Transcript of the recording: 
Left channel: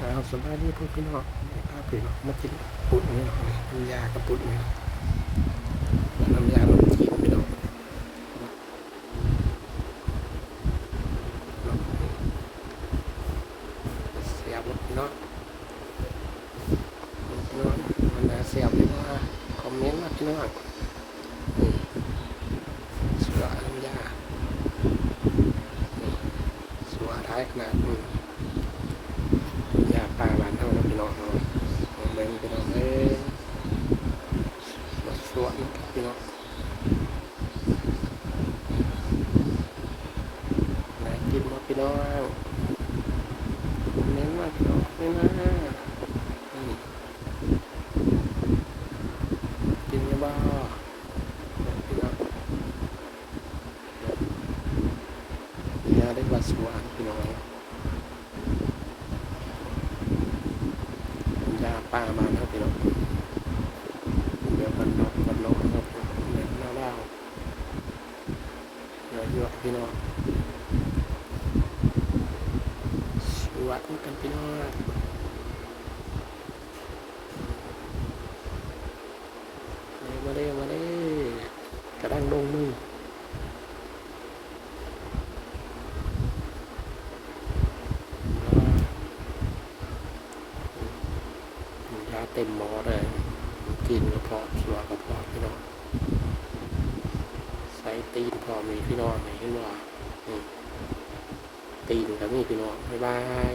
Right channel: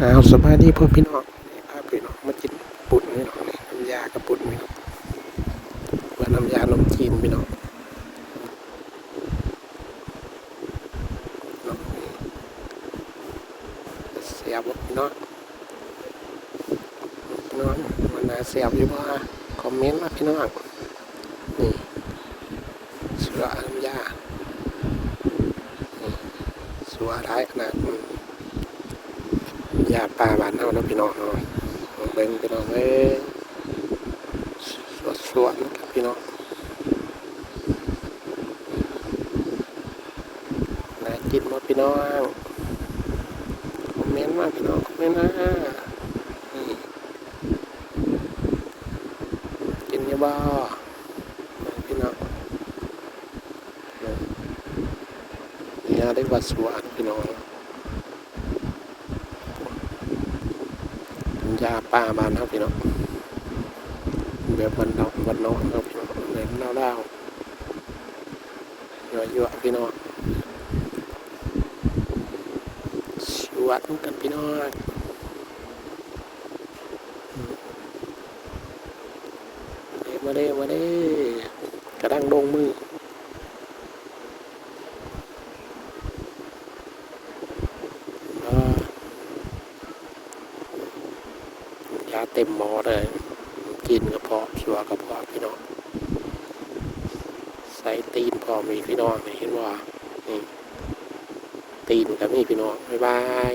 เอาสบายดีพ่อพี่น้องพาพี่น้องมากินปุ่นนี่น้องน้ำยากระปุ่นพี่น้องและน้ำยานมจีนพี่น้องเสียบพี่น้องพี่น้องมันน่าเสียบหรือว่าคอมเมนต์มาพี่น้องนี่สือน้ำยานี่สัวร้ายขนาดนี้าปลาหวานเอานะพี่น้องเอาเบิ่งพี่น้องเอ้ยสวดสวนพี่น้องมากินมาพี่น้องเน้นมากพี่น้องเน้นมากนี่กินยังบ้าพี่น้องเนี่ยได้บัดสวดพี่น้องาป้ามาแล้วพี่น้องเดี๋ยวมันนกมันนกครับเหม็นเล่าเล่าเยอะเยอะพี่น้องสวัสดีกันพี่น้องเร็วมาเร็วมาเร็วกระดังลงมือ ยาเต็มหมอเลย กินกระเพาะชัวกระเพาะพี่น้องใส่ตีนพอมีพี่น้องนี่น้องนี่ตีนกับมีพี่น้องบ๊ายบาย